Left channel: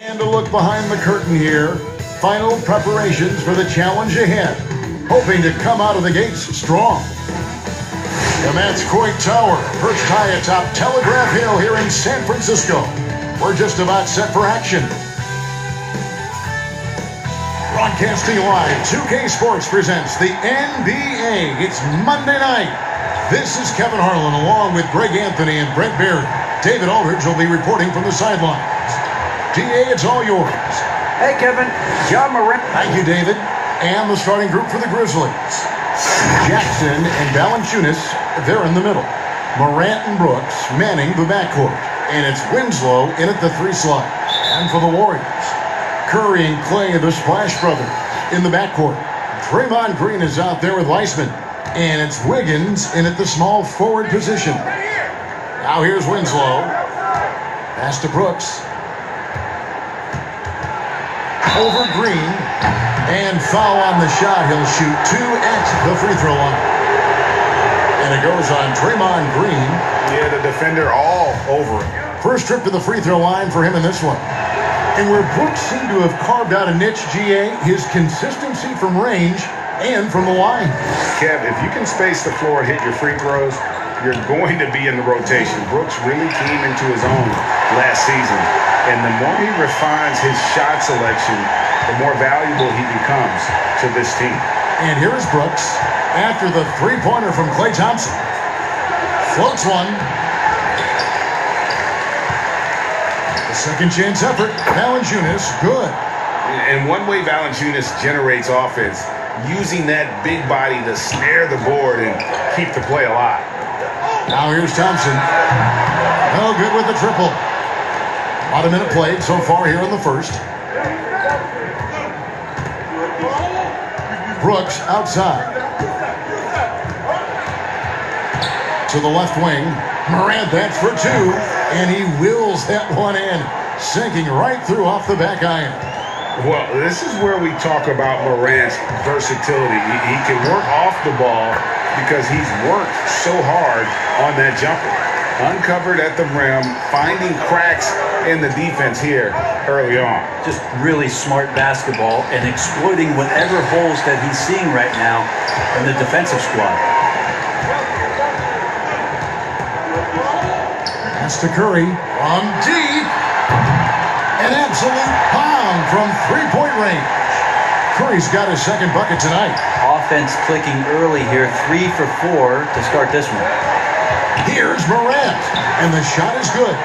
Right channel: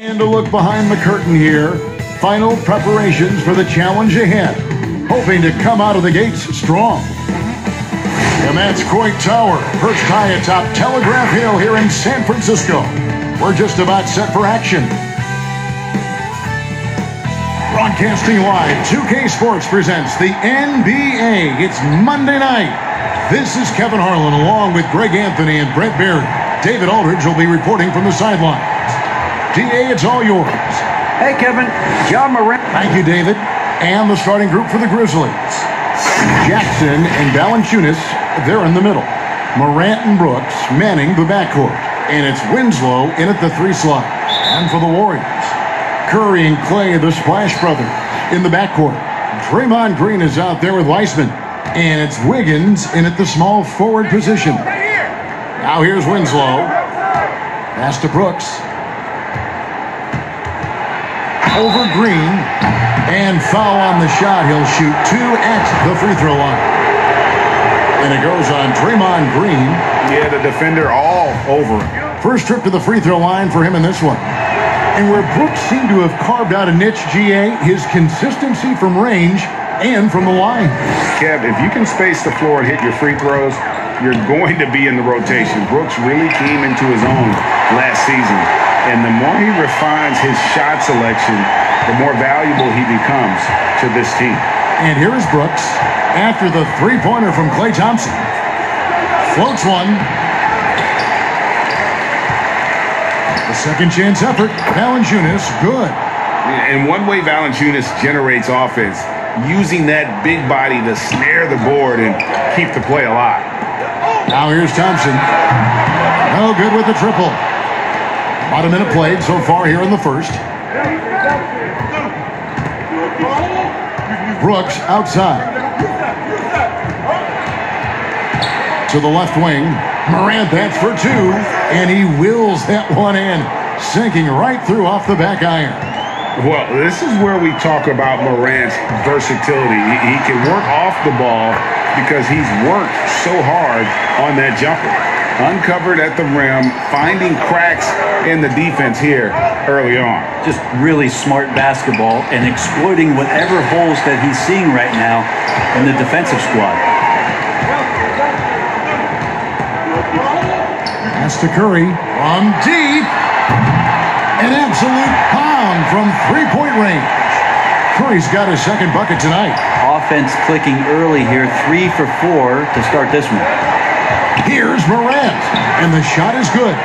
And a look behind the curtain here. Final preparations for the challenge ahead. Hoping to come out of the gates strong. And that's Coit Tower, perched high atop Telegraph Hill here in San Francisco. We're just about set for action. Broadcasting live, 2K Sports presents the NBA. It's Monday night. This is Kevin Harlan along with Greg Anthony and Brett Barry. David Aldridge will be reporting from the sidelines. DA, it's all yours. Hey, Kevin. John Morant. Thank you, David. And the starting group for the Grizzlies. Jackson and Valanciunas, they're in the middle. Morant and Brooks manning the backcourt. And it's Winslow in at the 3 slot. And for the Warriors, Curry and Clay, the Splash Brothers, in the backcourt. Draymond Green is out there with Weissman. And it's Wiggins in at the small forward position. Now here's Winslow. Pass to Brooks. Over Green, and foul on the shot. He'll shoot 2 at the free throw line. And it goes on Draymond Green. Yeah, the defender all over him. First trip to the free throw line for him in this one. And where Brooks seemed to have carved out a niche, GA, his consistency from range and from the line. Kev, if you can space the floor and hit your free throws, you're going to be in the rotation. Brooks really came into his own last season. And the more he refines his shot selection, the more valuable he becomes to this team. And here's Brooks after the three-pointer from Klay Thompson. Floats one. The second chance effort. Valanciunas, good. And one way Valanciunas generates offense, using that big body to snare the board and keep the play alive. Now here's Thompson. Oh, good with the triple. About a minute played so far here in the first. Brooks outside. To the left wing. Morant, that's for 2. And he wills that one in. Sinking right through off the back iron. Well, this is where we talk about Morant's versatility. He can work off the ball because he's worked so hard on that jumper. Uncovered at the rim, finding cracks in the defense here early on. Just really smart basketball and exploiting whatever holes that he's seeing right now in the defensive squad. Pass to Curry from deep. An absolute pound from three-point range. Curry's got his second bucket tonight. Offense clicking early here, 3 for 4 to start this one. Here's Morant, and the shot is good.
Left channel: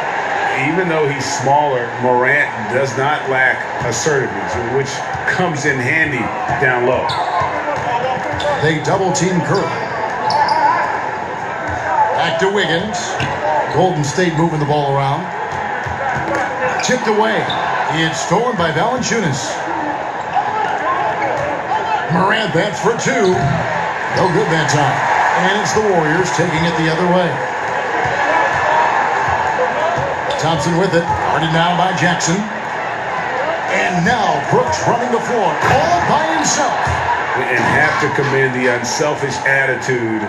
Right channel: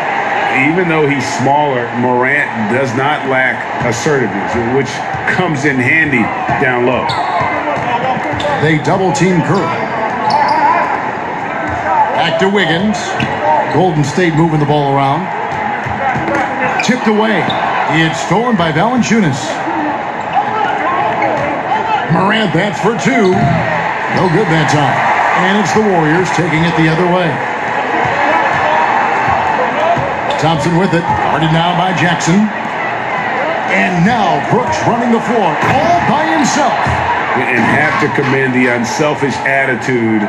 Even though he's smaller, Morant does not lack assertiveness, which comes in handy down low. They double-team Curry. Back to Wiggins. Golden State moving the ball around. Tipped away. It's stolen by Valanciunas. Morant, that's for 2. No good that time. And it's the Warriors taking it the other way. Thompson with it. Guarded now by Jackson. And now Brooks running the floor all by himself. And have to commend the unselfish attitude.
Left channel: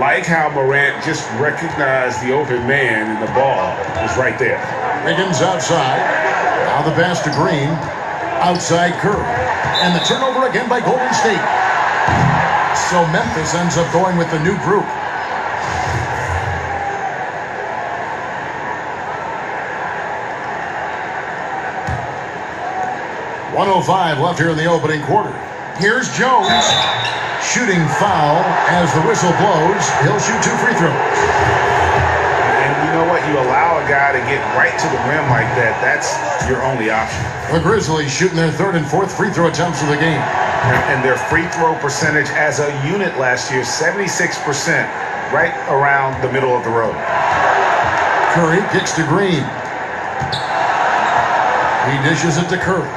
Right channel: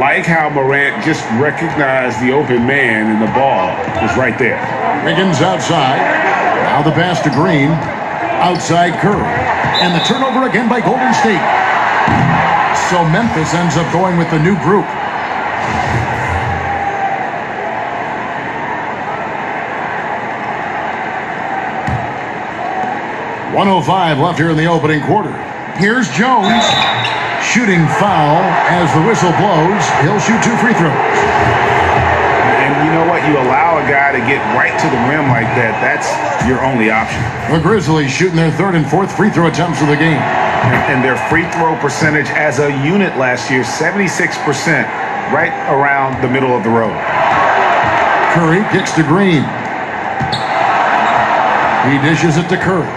Like how Morant just recognized the open man and the ball was right there. Wiggins outside. Now the pass to Green. Outside Curry. And the turnover again by Golden State. So Memphis ends up going with the new group. .105 left here in the opening quarter. Here's Jones. Shooting foul as the whistle blows. He'll shoot 2 free throws. And you know what? You allow a guy to get right to the rim like that. That's your only option. The Grizzlies shooting their 3rd and 4th free throw attempts of the game. And their free throw percentage as a unit last year, 76%, right around the middle of the road. Curry kicks to Green. He dishes it to Curry.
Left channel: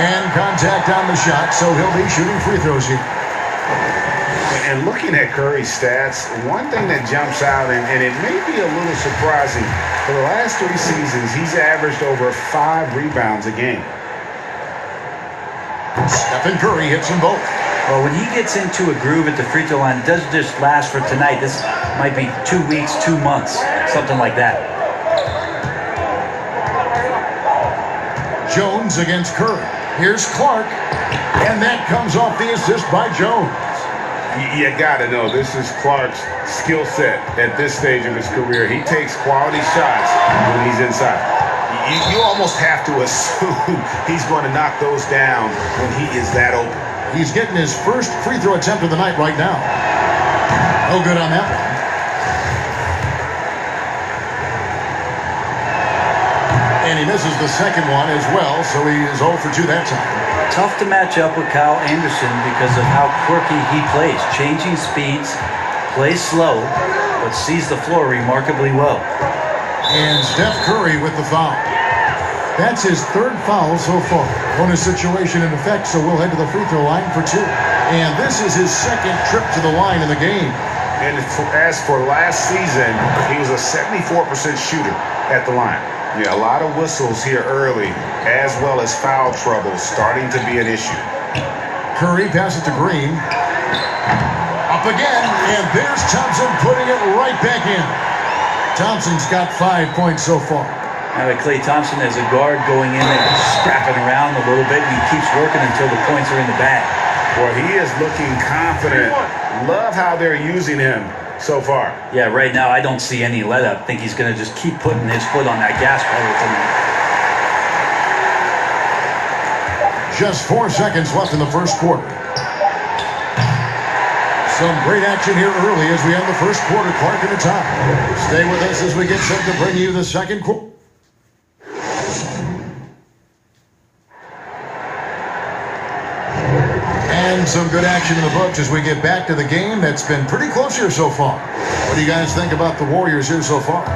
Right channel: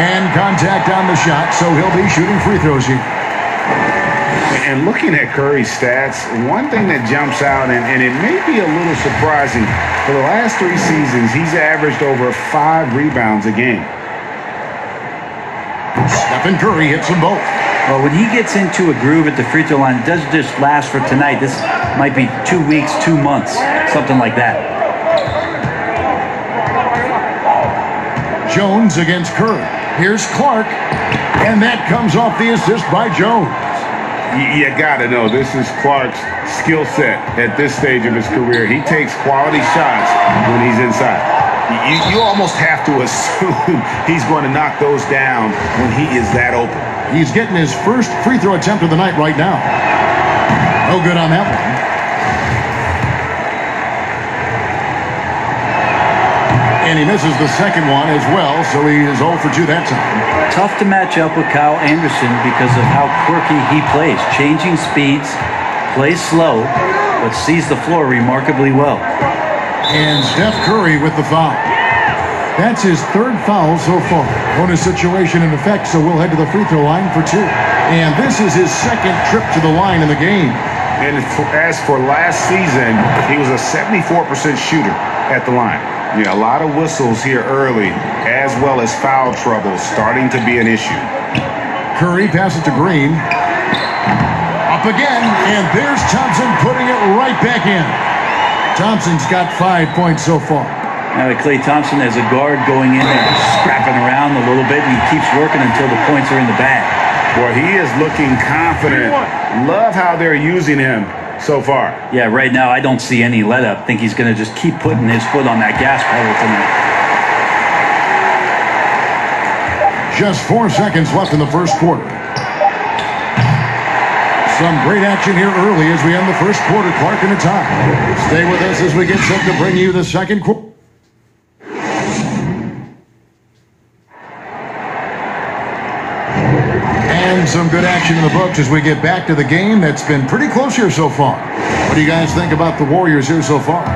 And contact on the shot, so he'll be shooting free throws here. And looking at Curry's stats, one thing that jumps out, and it may be a little surprising, for the last 3 seasons, he's averaged over 5 rebounds a game. Stephen Curry hits them both. Well, when he gets into a groove at the free throw line, it doesn't just last for tonight. This might be 2 weeks, 2 months, something like that. Jones against Curry. Here's Clark, and that comes off the assist by Jones. You got to know, this is Clark's skill set at this stage of his career. He takes quality shots when he's inside. You almost have to assume he's going to knock those down when he is that open. He's getting his first free throw attempt of the night right now. No good on that one. And he misses the second one as well, so he is 0 for 2 that time. Tough to match up with Kyle Anderson because of how quirky he plays. Changing speeds, plays slow, but sees the floor remarkably well. And Steph Curry with the foul. That's his third foul so far. Bonus situation in effect, so we'll head to the free throw line for 2. And this is his second trip to the line in the game. And as for last season, he was a 74% shooter at the line. Yeah, a lot of whistles here early, as well as foul trouble starting to be an issue. Curry passes to Green. Up again, and there's Thompson putting it right back in. Thompson's got 5 points so far. Now Klay Thompson as a guard going in there, scrapping around a little bit, and he keeps working until the points are in the bag. Well, he is looking confident. Love how they're using him so far. Yeah, right now I don't see any let up. I think he's going to just keep putting his foot on that gas pedal tonight. Just 4 seconds left in the first quarter. Some great action here early as we end the first quarter. Clark in the top. Stay with us as we get set to bring you the second quarter. And some good action in the books as we get back to the game that's been pretty close here so far. What do you guys think about the Warriors here so far?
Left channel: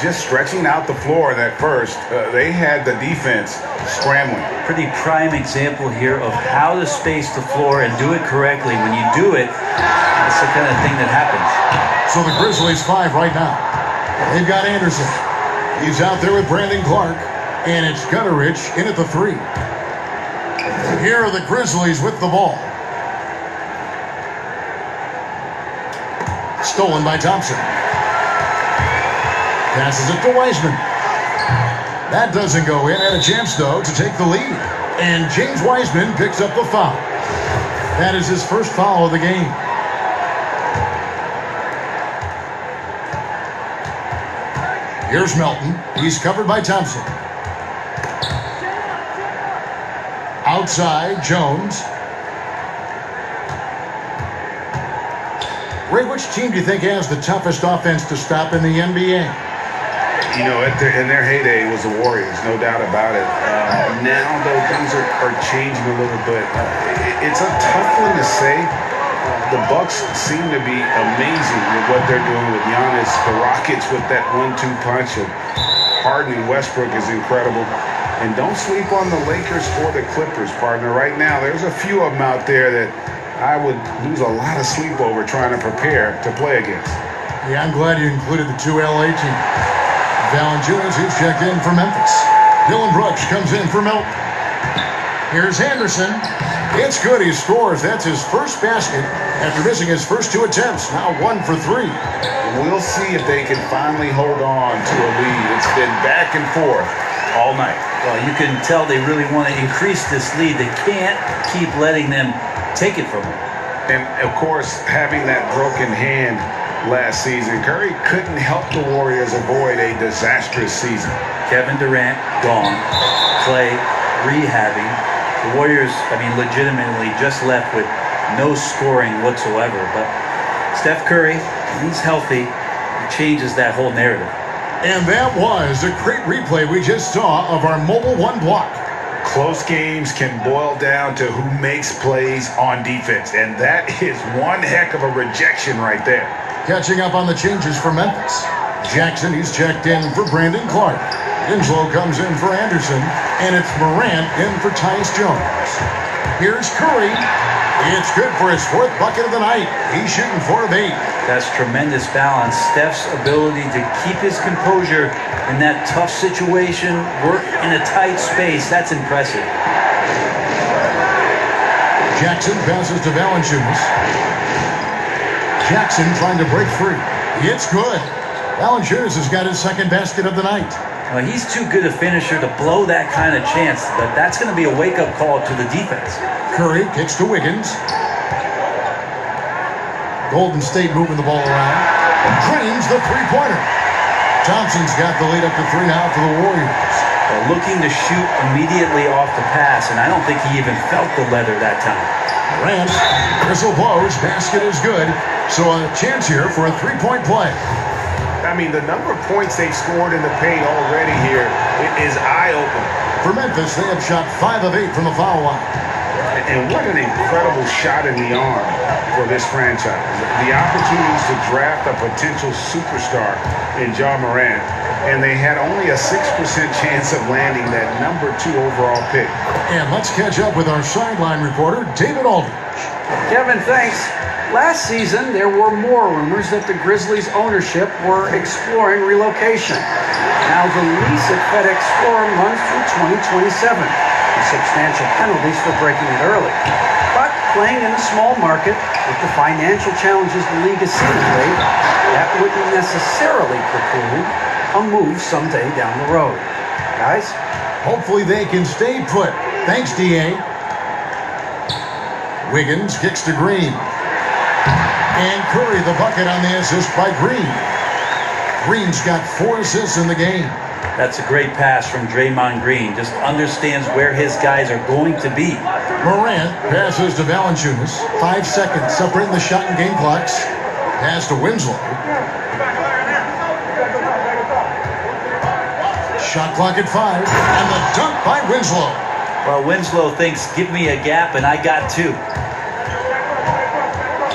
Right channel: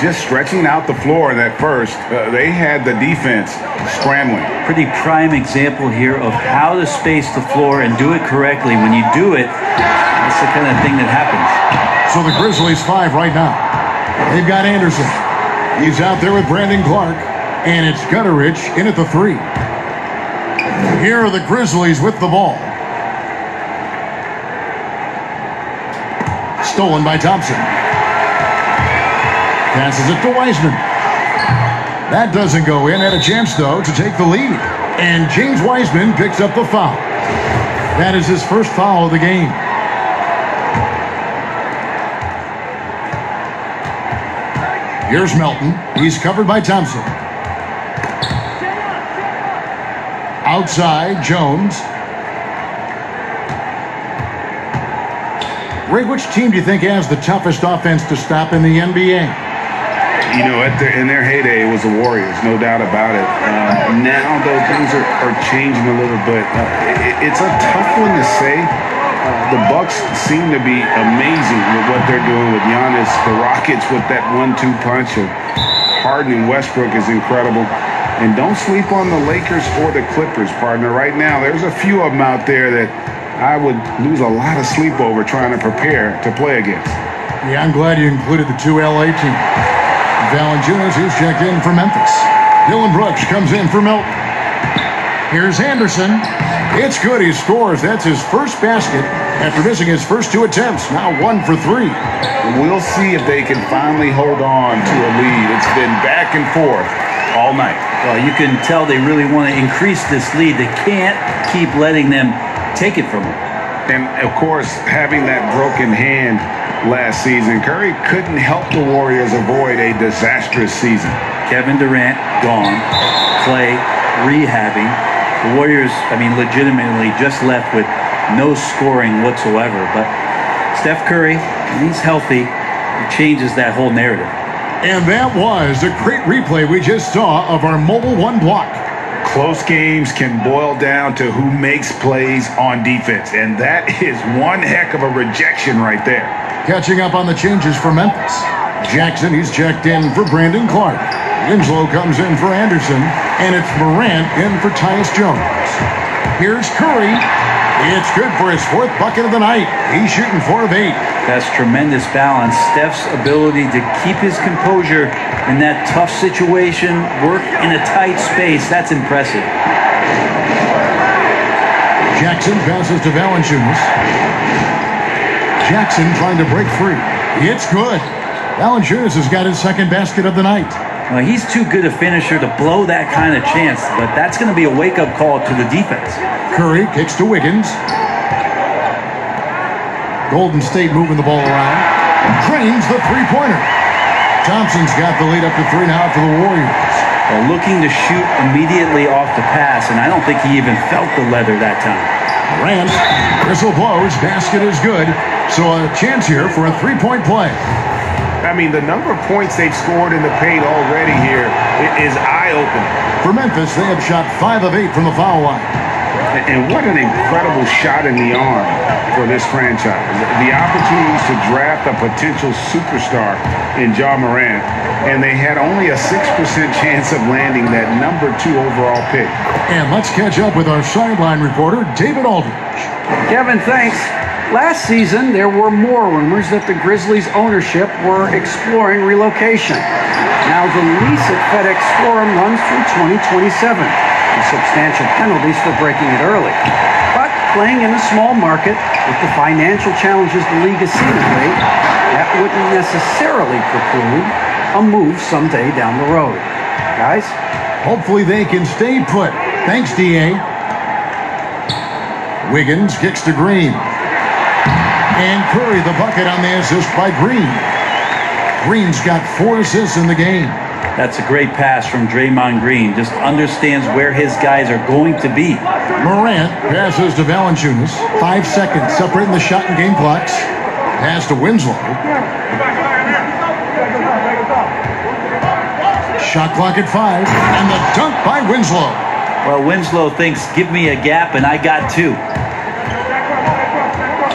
Just stretching out the floor in that first. They had the defense scrambling. Pretty prime example here of how to space the floor and do it correctly. When you do it, that's the kind of thing that happens. So the Grizzlies 5 right now. They've got Anderson. He's out there with Brandon Clark. And it's Gutterich in at the 3. Here are the Grizzlies with the ball. Stolen by Thompson. Passes it to Wiseman. That doesn't go in. Had a chance, though, to take the lead. And James Wiseman picks up the foul. That is his first foul of the game. Here's Melton. He's covered by Thompson. Outside, Jones. Ray, which team do you think has the toughest offense to stop in the NBA? You know, in their heyday, it was the Warriors, no doubt about it. Now, though, things are changing a little bit. It's a tough one to say. The Bucks seem to be amazing with what they're doing with Giannis. The Rockets with that 1-2 punch of Harden and Westbrook is incredible. And don't sleep on the Lakers or the Clippers, partner. Right now, there's a few of them out there that I would lose a lot of sleep over trying to prepare to play against. Yeah, I'm glad you included the 2 LA teams. Valanciunas, who's checked in for Memphis. Dylan Brooks comes in for Melton. Here's Anderson. It's good. He scores. That's his first basket after missing his first 2 attempts. Now 1 for 3. We'll see if they can finally hold on to a lead. It's been back and forth all night. Well, you can tell they really want to increase this lead. They can't keep letting them take it from them. And, of course, having that broken hand last season, Curry couldn't help the Warriors avoid a disastrous season. Kevin Durant gone. Klay rehabbing. The Warriors, legitimately just left with no scoring whatsoever. But Steph Curry, when he's healthy, it changes that whole narrative. And that was a great replay we just saw of our Mobile One block. Close games can boil down to who makes plays on defense, and that is one heck of a rejection right there. Catching up on the changes for Memphis. Jackson, he's checked in for Brandon Clark. Winslow comes in for Anderson, and it's Morant in for Tyus Jones. Here's Curry. It's good for his 4th bucket of the night. He's shooting 4 of 8. That's tremendous balance. Steph's ability to keep his composure in that tough situation, work in a tight space, that's impressive. Jackson passes to Valanciunas. Jackson trying to break free. It's good. Valanciunas has got his 2nd basket of the night. Well, he's too good a finisher to blow that kind of chance, but that's going to be a wake-up call to the defense. Curry kicks to Wiggins. Golden State moving the ball around. Drains the three-pointer. Thompson's got the lead up to 3 now for the Warriors. Looking to shoot immediately off the pass, and I don't think he even felt the leather that time. Morant, whistle blows, basket is good. So a chance here for a three-point play. I mean, the number of points they've scored in the paint already here is eye-opening. For Memphis, they have shot 5 of 8 from the foul line. And what an incredible shot in the arm for this franchise. The opportunities to draft a potential superstar in Ja Morant, and they had only a 6% chance of landing that number 2 overall pick. And let's catch up with our sideline reporter, David Aldridge. Kevin, thanks. Last season, there were more rumors that the Grizzlies' ownership were exploring relocation. Now the lease at FedEx Forum runs through 2027, with substantial penalties for breaking it early. But playing in a small market with the financial challenges the league is seeing lately, that wouldn't necessarily preclude a move someday down the road. Guys? Hopefully they can stay put. Thanks, D.A. Wiggins kicks to Green. And Curry the bucket on the assist by Green. Green's got 4 assists in the game. That's a great pass from Draymond Green. Just understands where his guys are going to be. Morant passes to Valanciunas. 5 seconds separating the shot and game clocks. Pass to Winslow. Shot clock at 5. And the dunk by Winslow. Well, Winslow thinks, give me a gap, and I got 2.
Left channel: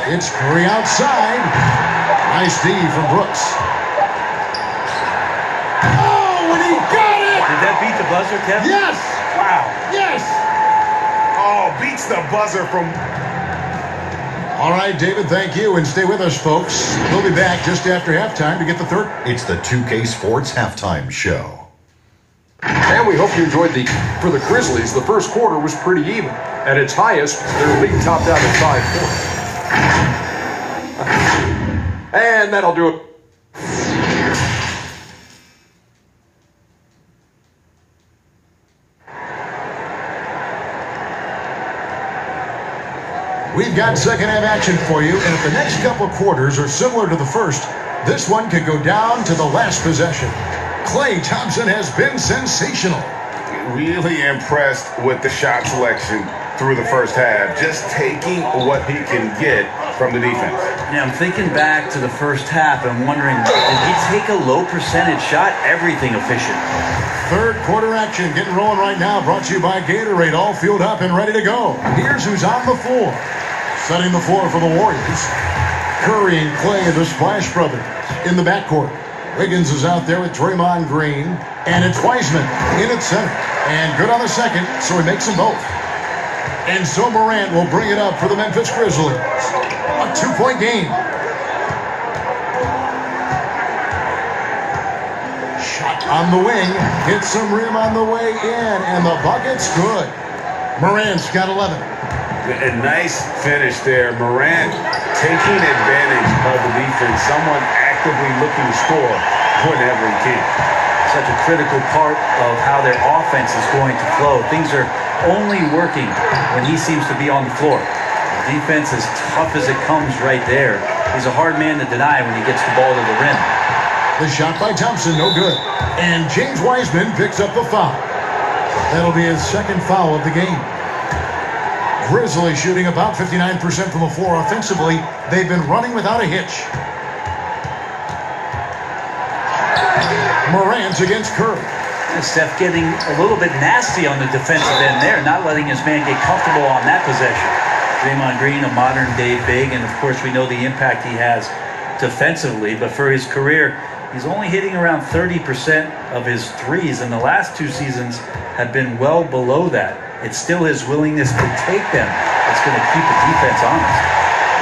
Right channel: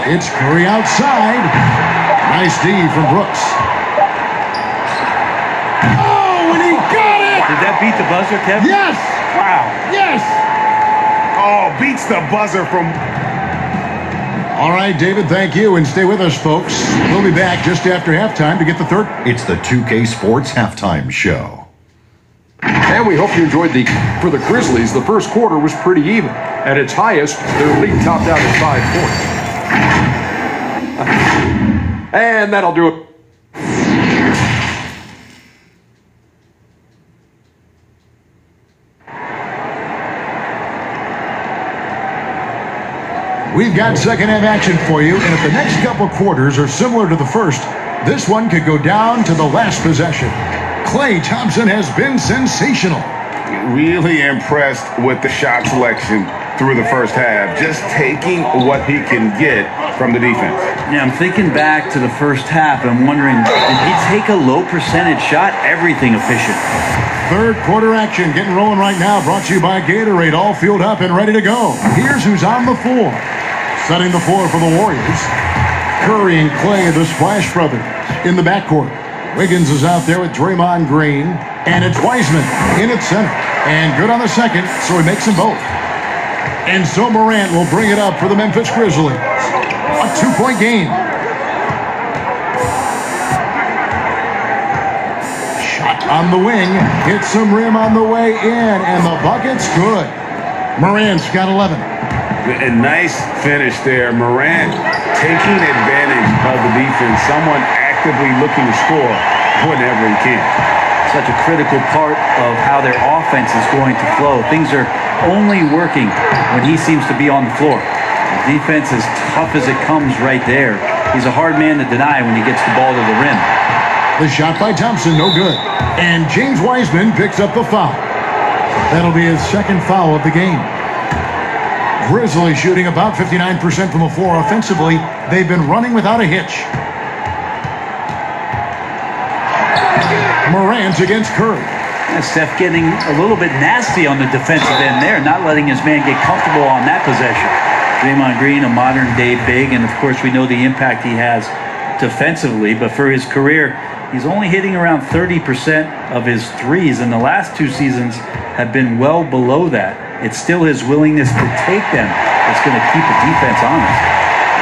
It's Curry outside. Nice D from Brooks. Oh, and he got it! Did that beat the buzzer, Kevin? Yes! Wow. Yes! Oh, beats the buzzer from... All right, David, thank you. And stay with us, folks. We'll be back just after halftime to get the third. It's the 2K Sports Halftime Show. And we hope you enjoyed for the Grizzlies, the first quarter was pretty even. At its highest, their lead topped out at 5 points. And that'll do it. We've got second half action for you, and if the next couple quarters are similar to the first, this one could go down to the last possession. Klay Thompson has been sensational. Really impressed with the shot selection through the first half, just taking what he can get from the defense. Yeah, I'm thinking back to the first half and wondering, did he take a low percentage shot? Everything efficient. Third quarter action getting rolling right now, brought to you by Gatorade, all fueled up and ready to go. Here's who's on the floor. Setting the floor for the Warriors. Curry and Klay, the Splash Brothers, in the backcourt. Wiggins is out there with Draymond Green, and it's Wiseman in at center. And good on the second, so he makes them both. And so Morant will bring it up for the Memphis Grizzlies. A 2-point game. Shot on the wing. Hits some rim on the way in, and the bucket's good. Morant's got 11. A nice finish there. Morant taking advantage of the defense. Someone actively looking to score whenever he can. Such a critical part of how their offense is going to flow. Things are only working when he seems to be on the floor. The defense is tough as it comes right there. He's a hard man to deny when he gets the ball to the rim. The shot by Thompson, no good. And James Wiseman picks up the foul. That'll be his second foul of the game. Grizzlies shooting about 59% from the floor offensively. They've been running without a hitch. Morant against Curry. Steph getting a little bit nasty on the defensive end there, not letting his man get comfortable on that possession. Draymond Green, a modern-day big, and of course we know the impact he has defensively, but for his career, he's only hitting around 30% of his threes, and the last 2 seasons have been well below that. It's still his willingness to take them that's going to keep the defense honest.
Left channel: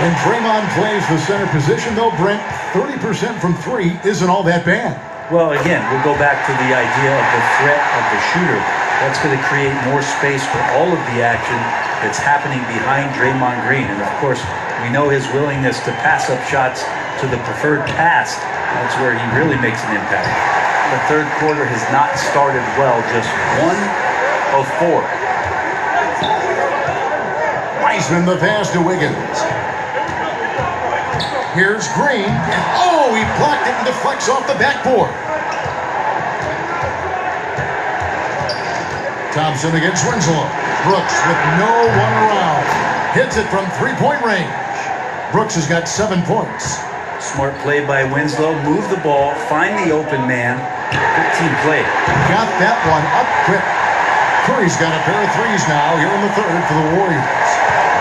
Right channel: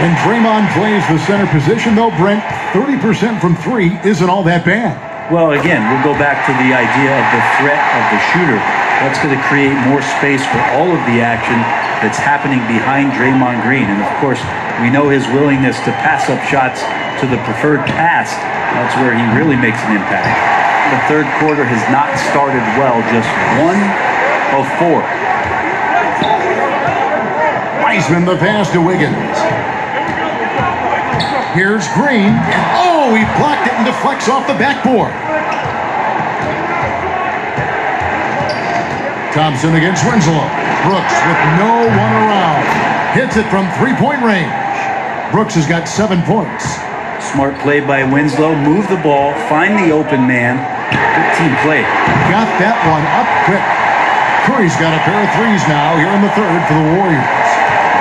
When Draymond plays the center position, though, Brent, 30% from 3 isn't all that bad. Well, again, we'll go back to the idea of the threat of the shooter. That's going to create more space for all of the action that's happening behind Draymond Green. And, of course, we know his willingness to pass up shots to the preferred pass. That's where he really makes an impact. the third quarter has not started well. Just 1 of 4. Wiseman the pass to Wiggins. Here's Green, and oh, he blocked it and deflects off the backboard. Thompson against Winslow. Brooks with no one around. Hits it from three-point range. Brooks has got 7 points. Smart play by Winslow. Move the ball. Find the open man. Good team play. Got that one up quick. Curry's got a pair of threes now here in the third for the Warriors.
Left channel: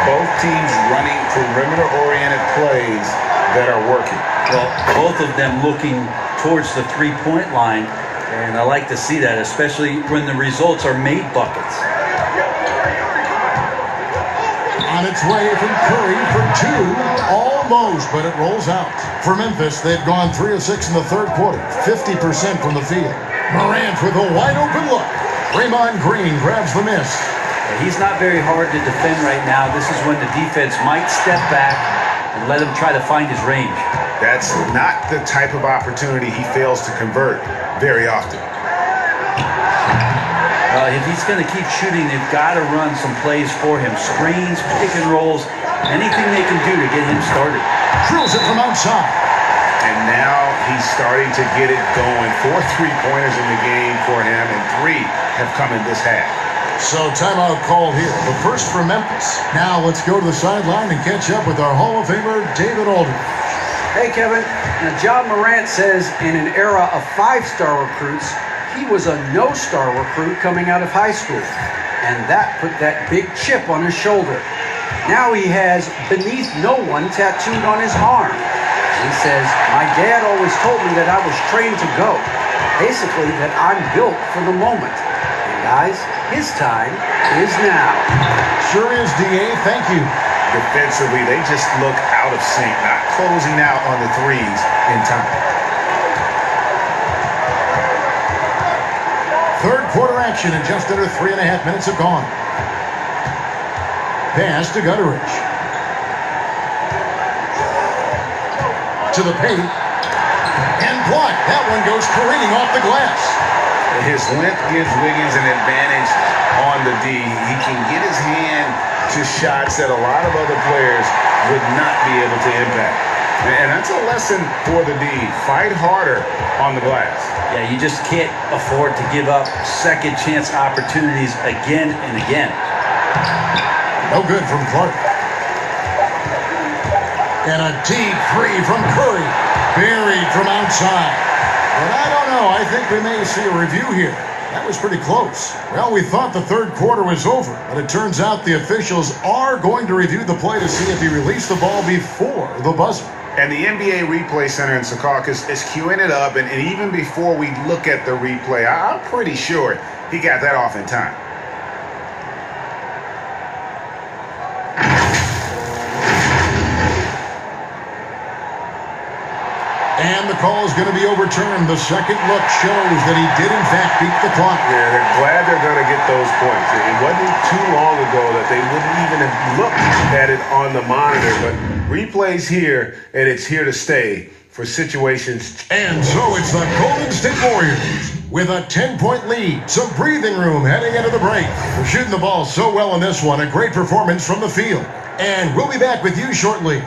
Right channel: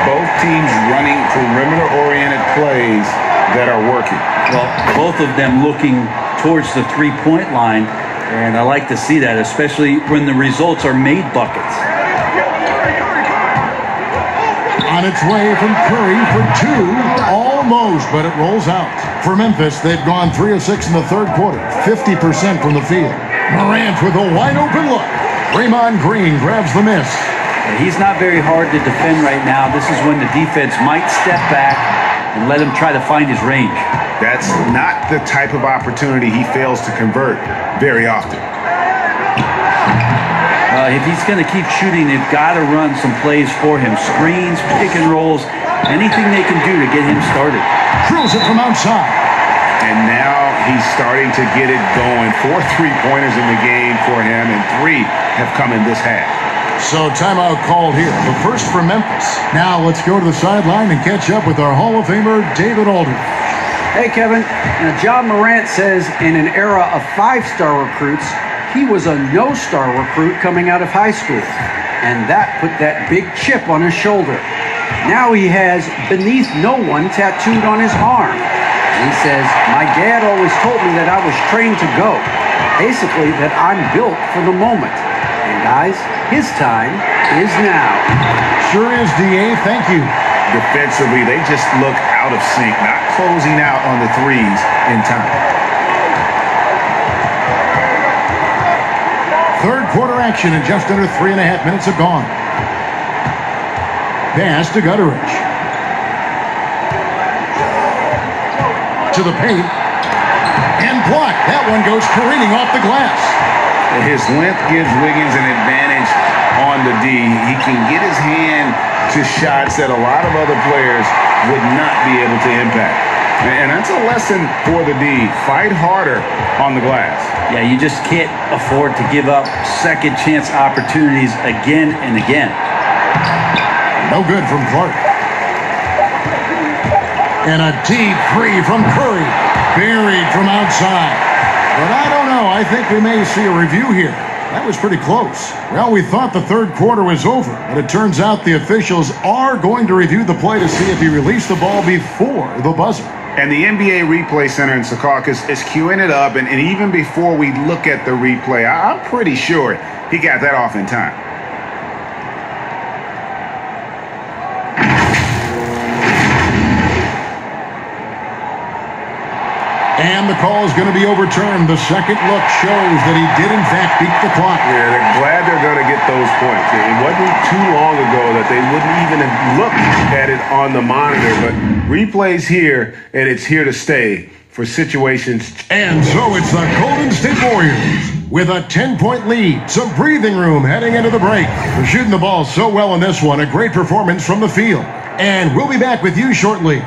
Both teams running perimeter-oriented plays that are working. Well, both of them looking towards the three-point line, and I like to see that, especially when the results are made buckets. On its way from Curry for 2, almost, but it rolls out. For Memphis, they've gone 3 of 6 in the third quarter, 50% from the field. Morant with a wide-open look. Draymond Green grabs the miss. He's not very hard to defend right now. This is when the defense might step back and let him try to find his range. That's not the type of opportunity he fails to convert very often. If he's going to keep shooting, they've got to run some plays for him. Screens, pick and rolls, anything they can do to get him started. Drills it from outside. And now he's starting to get it going. 4 3-pointers in the game for him, and 3 have come in this half. So timeout called here. The first for Memphis. Now let's go to the sideline and catch up with our Hall of Famer, David Aldridge. Hey, Kevin. Now, John Morant says in an era of 5-star recruits, he was a no-star recruit coming out of high school. And that put that big chip on his shoulder. Now he has beneath no one tattooed on his arm. He says, my dad always told me that I was trained to go. Basically, that I'm built for the moment. And guys, his time is now. Sure is, D.A. Thank you. Defensively, they just look out of sync, not closing out on the threes in time. Third quarter action, and just under 3.5 minutes have gone. Pass to Gutteridge. To the paint. And blocked. That one goes careening off the glass. His length gives Wiggins an advantage on the D. He can get his hand to shots that a lot of other players would not be able to impact. And that's a lesson for the D. Fight harder on the glass. Yeah, you just can't afford to give up second chance opportunities again and again. No good from Clark. And a deep three from Curry. Buried from outside. But I don't know. I think we may see a review here. That was pretty close. Well, we thought the third quarter was over, but it turns out the officials are going to review the play to see if he released the ball before the buzzer. And the NBA Replay Center in Secaucus is queuing it up, and even before we look at the replay, I'm pretty sure he got that off in time. And the call is going to be overturned. The second look shows that he did, in fact, beat the clock. Yeah, they're glad they're going to get those points. It wasn't too long ago that they wouldn't even have looked at it on the monitor, but replay's here, and it's here to stay for situations. And so it's the Golden State Warriors with a 10-point lead. Some breathing room heading into the break. They're shooting the ball so well in this one. A great performance from the field. And we'll be back with you shortly.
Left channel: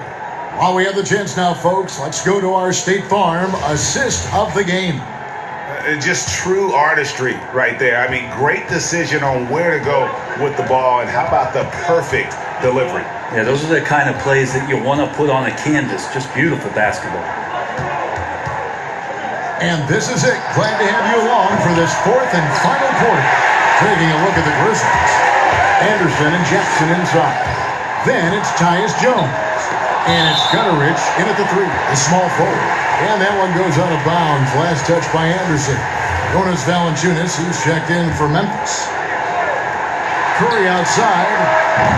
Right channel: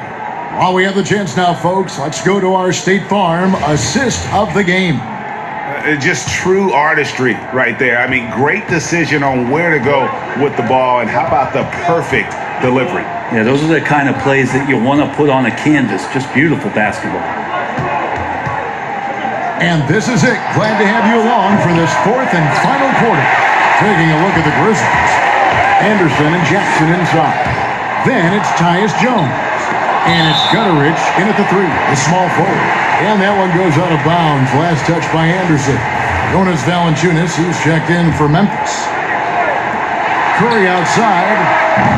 While we have the chance now, folks, let's go to our State Farm assist of the game. Just true artistry right there. I mean, great decision on where to go with the ball, and how about the perfect delivery? Yeah, those are the kind of plays that you want to put on a canvas. Just beautiful basketball. And this is it. Glad to have you along for this fourth and final quarter. Taking a look at the Grizzlies. Anderson and Jackson inside. Then it's Tyus Jones. And it's Gutteridge in at the 3, the small forward. And that one goes out of bounds. Last touch by Anderson. Jonas Valanciunas, who's checked in for Memphis. Curry outside.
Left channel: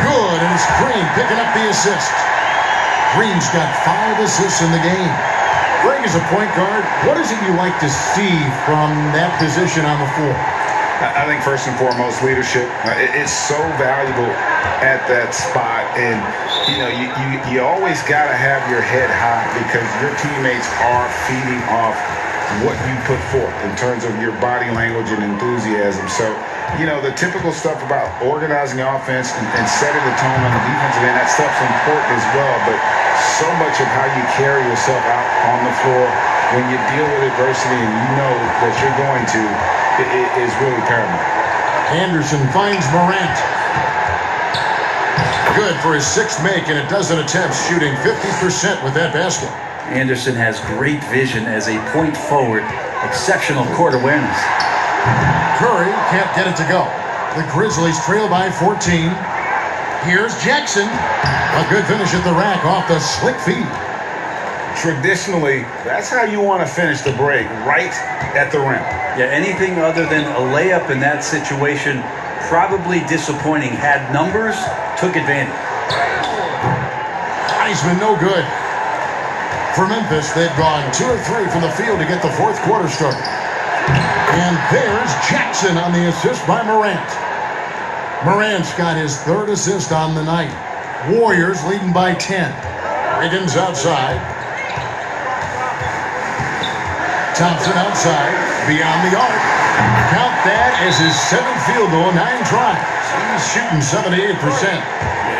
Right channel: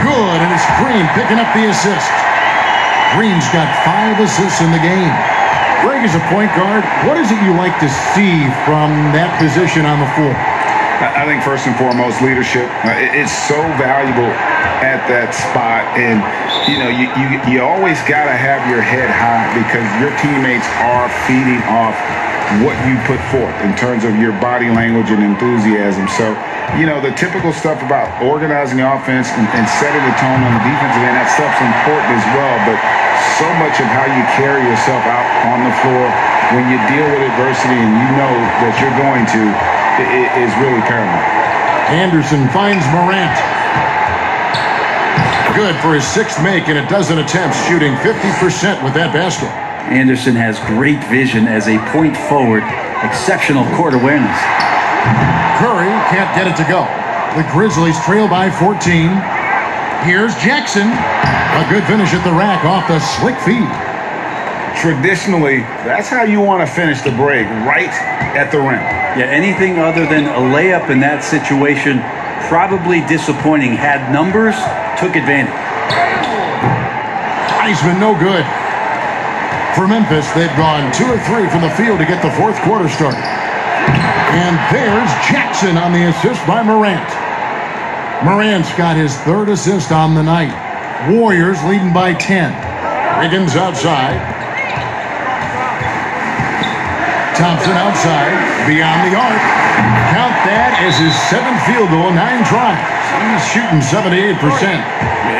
Good, and it's Green picking up the assist. Green's got 5 assists in the game. Greg, as a point guard, what is it you like to see from that position on the floor? I think first and foremost, leadership. It's so valuable at that spot, and you know, you always got to have your head high because your teammates are feeding off what you put forth in terms of your body language and enthusiasm. So, the typical stuff about organizing the offense and setting the tone on the defensive end, that stuff's important as well. But so much of how you carry yourself out on the floor when you deal with adversity and you know what you're going to is really paramount. Anderson finds Morant. Good for his sixth make in a dozen attempts, shooting 50% with that basket. Anderson has great vision as a point forward, exceptional court awareness. Curry can't get it to go. The Grizzlies trail by 14. Here's Jackson. A good finish at the rack off the slick feed. Traditionally, that's how you want to finish the break, right at the rim. Yeah, anything other than a layup in that situation, probably disappointing. Had numbers, took advantage. Wiseman no good. For Memphis, they've gone 2 of 3 from the field to get the fourth quarter started. And there's Jackson on the assist by Morant. Morant's got his third assist on the night. Warriors leading by 10. Wiggins outside. Thompson outside, beyond the arc. Count that as his 7th field goal, 9 tries. He's shooting 78%.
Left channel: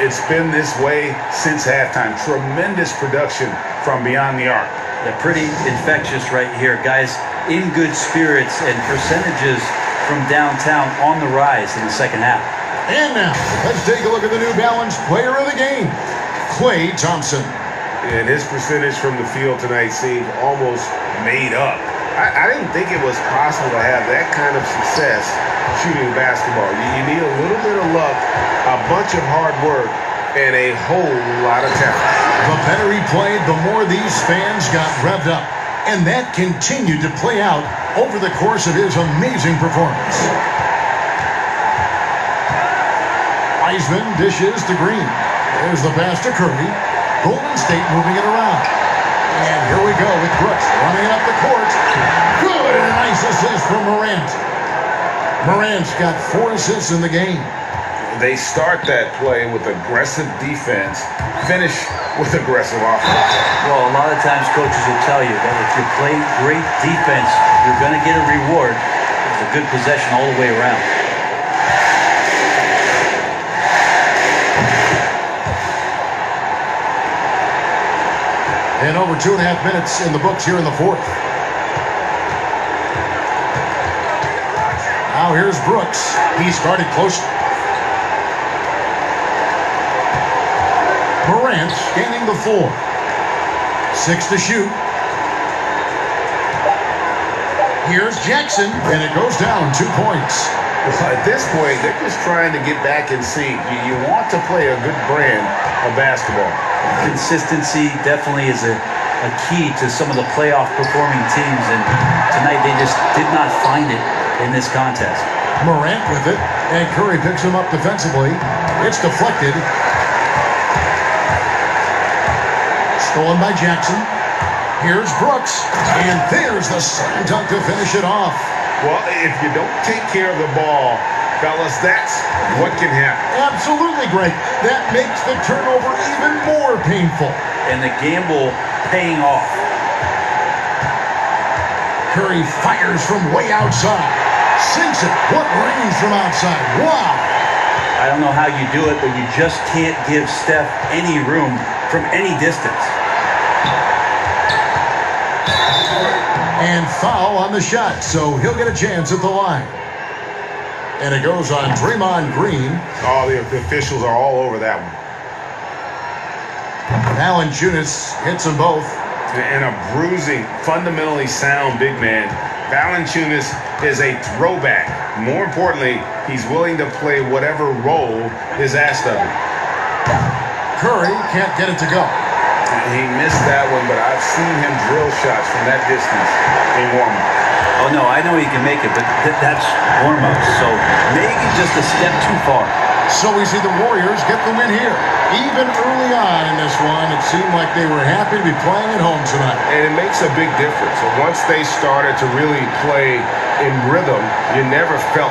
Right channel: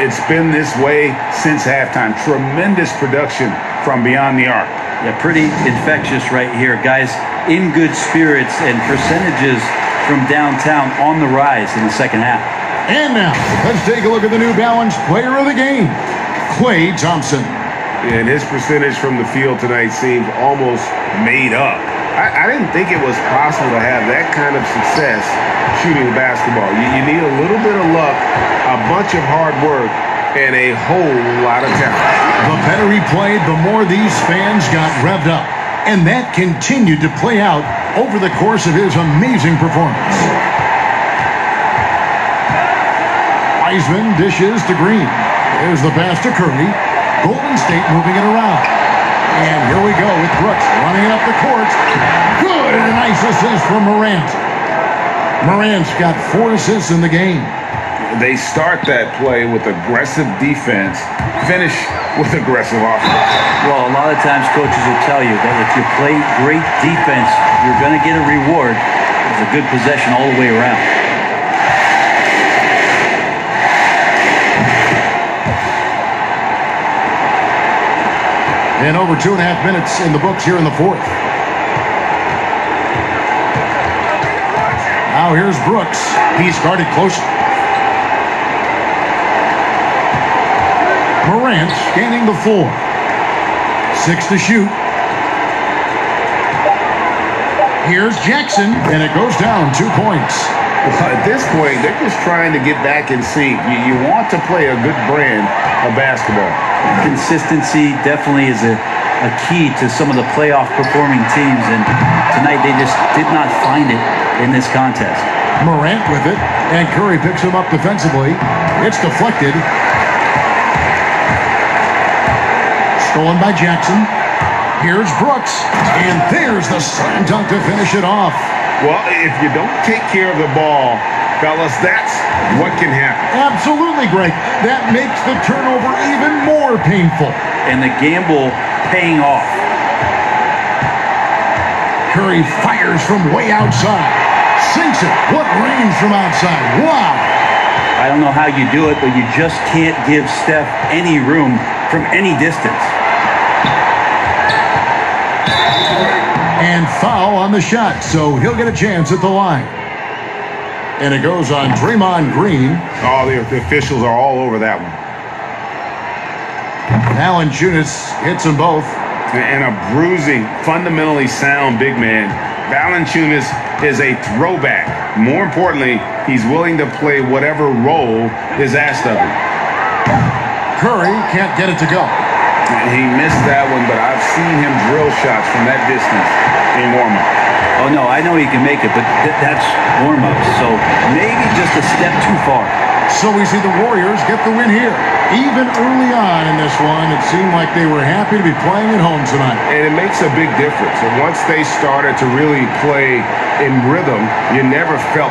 It's been this way since halftime. Tremendous production from beyond the arc. Yeah, pretty infectious right here. Guys in good spirits and percentages from downtown on the rise in the second half. And now, let's take a look at the New Balance player of the game, Klay Thompson. And his percentage from the field tonight seemed almost made up. I didn't think it was possible to have that kind of success shooting basketball. You need a little bit of luck, a bunch of hard work, and a whole lot of talent. The better he played, the more these fans got revved up. And that continued to play out over the course of his amazing performance. Wiseman dishes to Green. There's the pass to Curry. Golden State moving it around. And here we go with Brooks running up the court. Good, and a nice assist from Morant. Morant's got 4 assists in the game. They start that play with aggressive defense, finish with aggressive offense. Well, a lot of times coaches will tell you that if you play great defense, you're going to get a reward. It's a good possession all the way around. And over 2.5 minutes in the books here in the fourth. Now here's Brooks. He started close. Morant gaining the 4. 6 to shoot. Here's Jackson, and it goes down 2 points. At this point, they're just trying to get back in sync. You want to play a good brand of basketball. Consistency definitely is a key to some of the playoff performing teams, and tonight they just did not find it in this contest. Morant with it, and Curry picks him up defensively. It's deflected. Stolen by Jackson. Here's Brooks, and there's the slam dunk to finish it off. Well, if you don't take care of the ball, fellas, that's what can happen. Absolutely, Greg. That makes the turnover even more painful. And the gamble paying off. Curry fires from way outside. Sinks it. What range from outside. Wow. I don't know how you do it, but you just can't give Steph any room from any distance. And foul on the shot, so he'll get a chance at the line. And it goes on Draymond Green. Oh, the officials are all over that one. Valanciunas hits them both. And a bruising, fundamentally sound big man. Valanciunas is a throwback. More importantly, he's willing to play whatever role is asked of him. Curry can't get it to go. He missed that one, but I've seen him drill shots from that distance in warm-up. Oh, no, I know he can make it, but that's warm-up, so maybe just a step too far. So we see the Warriors get the win here. Even early on in this one, it seemed like they were happy to be playing at home tonight. And it makes a big difference. And once they started to really play in rhythm, you never felt